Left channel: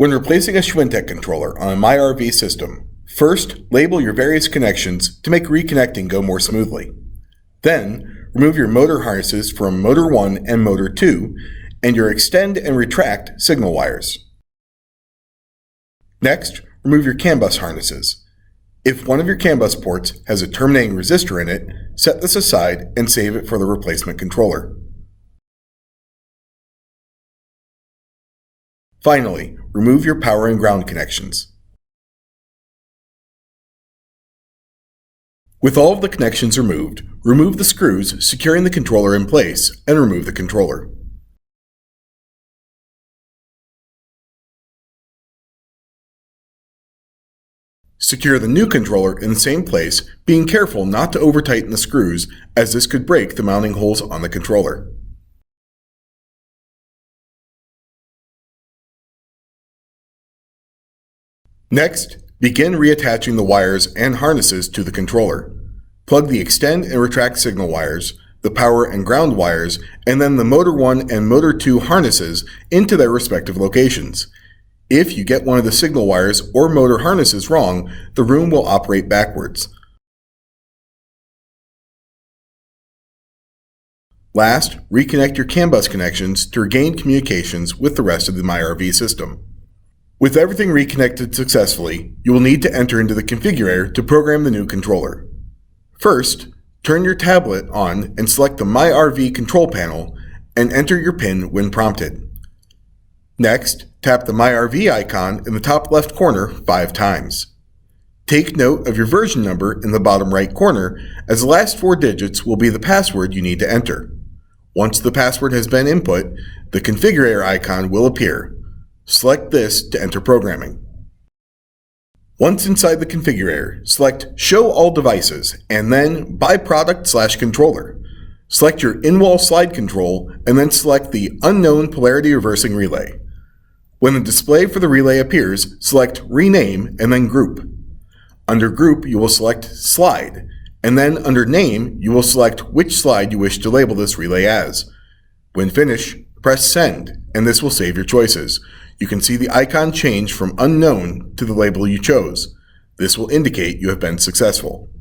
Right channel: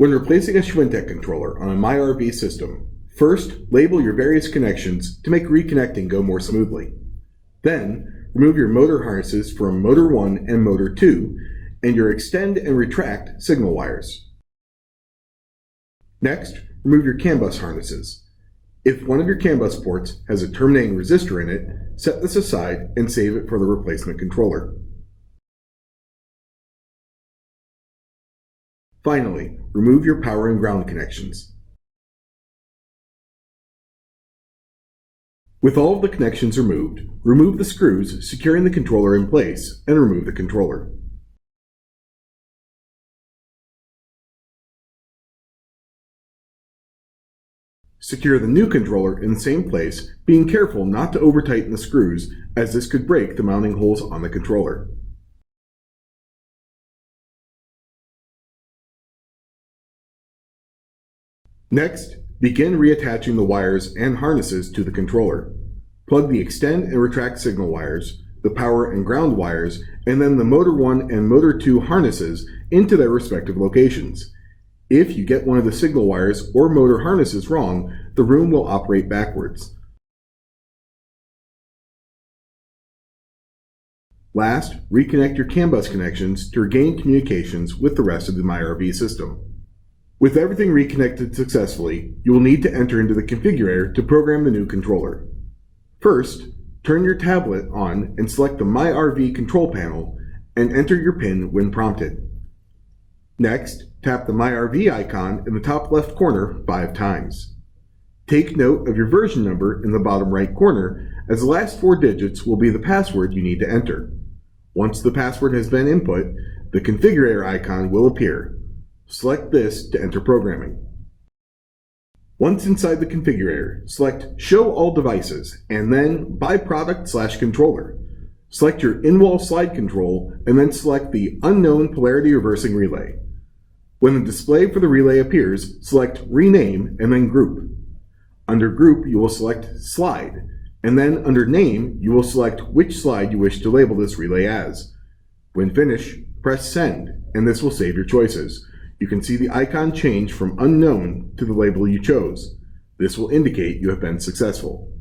When replacing a Schwintek controller on a MyRV system, first label your various connections to make reconnecting go more smoothly. Then, remove your motor harnesses from motor 1 and motor 2 and your extend and retract signal wires. Next, remove your CAN bus harnesses. If one of your CAN bus ports has a terminating resistor in it, set this aside and save it for the replacement controller. Finally, remove your power and ground connections. With all of the connections removed, remove the screws securing the controller in place and remove the controller. Secure the new controller in the same place, being careful not to over-tighten the screws, as this could break the mounting holes on the controller. Next, begin reattaching the wires and harnesses to the controller. Plug the extend and retract signal wires, the power and ground wires, and then the motor 1 and motor 2 harnesses into their respective locations. If you get one of the signal wires or motor harnesses wrong, the room will operate backwards. Last, reconnect your CAN bus connections to regain communications with the rest of the MyRV system. With everything reconnected successfully, you will need to enter into the configurator to program the new controller. First, turn your tablet on and select the MyRV control panel and enter your PIN when prompted. Next, tap the MyRV icon in the top left corner 5 times. Take note of your version number in the bottom right corner, as the last 4 digits will be the password you need to enter. Once the password has been input, the configurator icon will appear. Select this to enter programming. Once inside the configurator, select Show All Devices and then By Product/Controller. Select your in-wall slide control and then select the Unknown Polarity Reversing Relay. When the display for the relay appears, select Rename and then Group. Under Group, you will select Slide, and then under Name, you will select which slide you wish to label this relay as. When finished, press Send, and this will save your choices. You can see the icon change from Unknown to the label you chose. This will indicate you have been successful.